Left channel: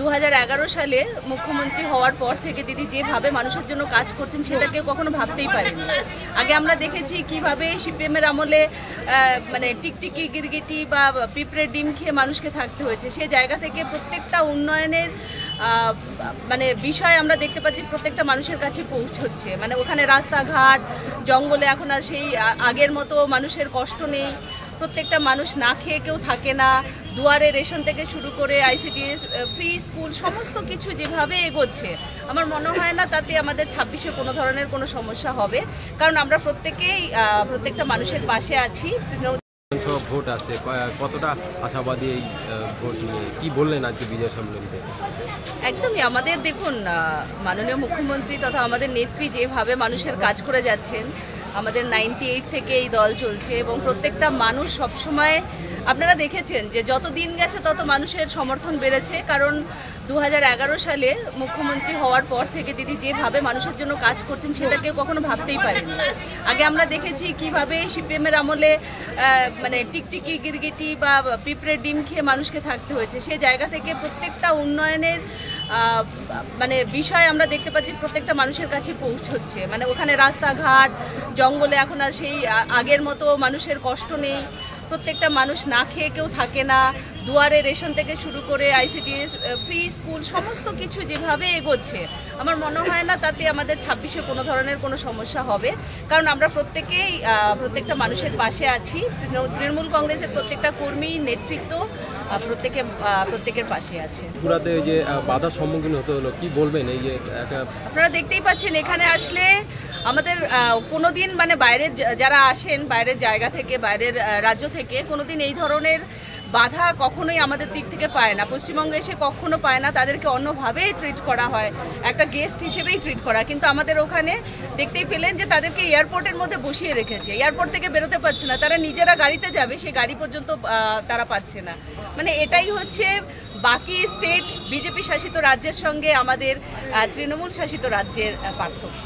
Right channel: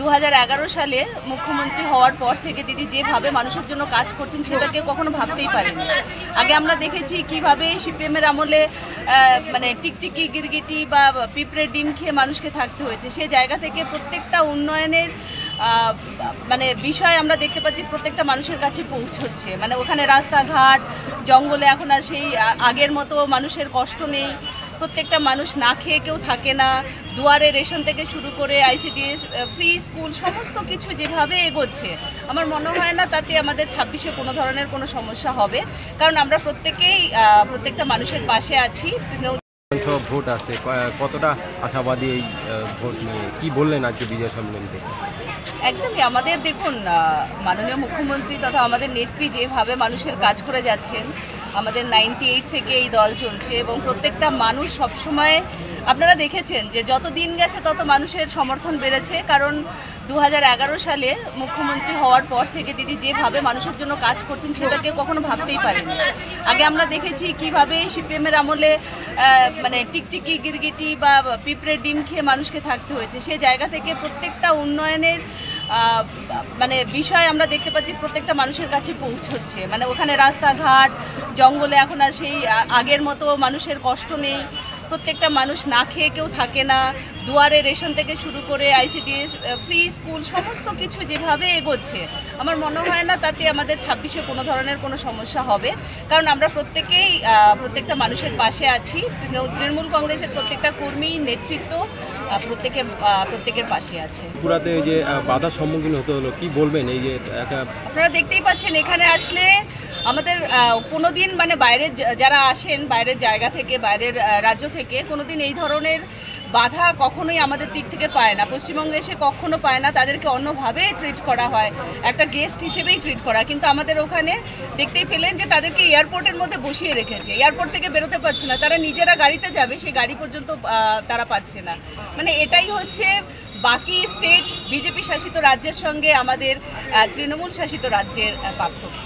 2011 সালে মুখ্যমন্ত্রী হওয়ার পর থেকে দিদি যেভাবে মানুষের জন্য কাজ করছেন সেটা কেউ কখনো ভাবতেই পারেনি। আগে আমরা দেখেছি কিভাবে সিপিএমের আমলে মানে টিকটিকি গিরগিটি বা পিঁপড়ের ডিম খেয়ে মানুষকে থাকতে হয়েছে। সেই জায়গা থেকে প্রত্যেকটা উন্নয়নের মানে বিষয় আমরা দেখতে পাচ্ছি প্রত্যেকটা মানুষের কাছে পৌঁছচ্ছে। মানে ওখানে রাস্তাঘাট জঙ্গলে এখন আর সেই আগের মতো মানুষের কষ্ট নেই। প্রত্যেকটা মানুষ না খেয়ে কেউ থাকে না। দুয়ারে রেশন থেকে শুরু করে আইসিডিএস ফ্রি স্কুল সমস্ত কিছু যেভাবে এগোচ্ছে, আমার মনে হয় না তাতে আমাদের 26-এ কোনো ধরনের কোনো সমস্যা হবে, কারণ আমরা প্রত্যেকটা মানুষের পাশে আছি। ভোট আছে, কতটা আশাবাদী এই ভোট নিয়ে কি বললেন আজকে বিজয় সম্মেলনে? একদমই আমাদের দেখুন, মাননীয় মুখ্যমন্ত্রী তথা আমাদের নেত্রী যেভাবে মানুষের কাজ করে যাচ্ছেন, আমাদের 98 থেকে এই দল চলছে এবং প্রত্যেকটা মানুষ সবসময় আপনারা দেখেছেন যে যত দিন গেছে তত মানুষের সমর্থন বেড়েছে। কারণ 2011 সালে মুখ্যমন্ত্রী হওয়ার পর থেকে দিদি যেভাবে মানুষের জন্য কাজ করছেন সেটা কেউ কখনো ভাবতেই পারেনি। আগে আমরা দেখেছি কিভাবে সিপিএমের আমলে মানে টিকটিকি গিরগিটি বা পিঁপড়ের ডিম খেয়ে মানুষকে থাকতে হয়েছে। সেই জায়গা থেকে প্রত্যেকটা উন্নয়নের মানে বিষয় আমরা দেখতে পাচ্ছি প্রত্যেকটা মানুষের কাছে পৌঁছচ্ছে। মানে ওখানে রাস্তাঘাট জঙ্গলে এখন আর সেই আগের মতো মানুষের কষ্ট নেই। প্রত্যেকটা মানুষ না খেয়ে কেউ থাকে না। দুয়ারে রেশন থেকে শুরু করে আইসিডিএস ফ্রি স্কুল সমস্ত কিছু যেভাবে এগোচ্ছে, আমার মনে হয় না তাতে আমাদের 26-এ কোনো ধরনের কোনো সমস্যা হবে, কারণ আমরা প্রত্যেকটা মানুষের পাশে আছি। তৃণমূল কংগ্রেসের প্রত্যেকটা কর্মী নেতৃত্ব প্রত্যেকের পাশে আছে। পুরাতে যে বাধার সম্মুখীন হতে হলো, কি বলবেন? এই যে আপনারা দেখতেই পাচ্ছেন এখানে আসলে আমাদের কোনোদিন মানে বাইরের যারা আসেন বাইরের জায়গা থেকে, বাইরের রাজ্য থেকে, কোনোদিন এই ধরনের বাধা কখনোই আমাদের দিক থেকে পায় না। পশ্চিমবঙ্গে এসে কখনো পায় না, তাদেরকে অন্যভাবেই ট্রিট করা হয়, একটা গেস্ট হিসেবেই ট্রিট করা। কিন্তু আমাদের ওখানে দেখতেই পেলেন যে তাদেরকে এয়ারপোর্টের মধ্যে বসিয়ে রেখেছে, এয়ারপোর্ট থেকে বেরোতে পারছে না, তারা নিজেরা গাড়িতে যাবে, সেই গাড়ি পর্যন্ত তারা পাচ্ছে না। মানে এটাই হচ্ছে বাকি স্টেট বিজেপি শাসিত রাজ্যের সঙ্গে আমাদের তৃণমূল শাসিত রাজ্যের পার্থক্য।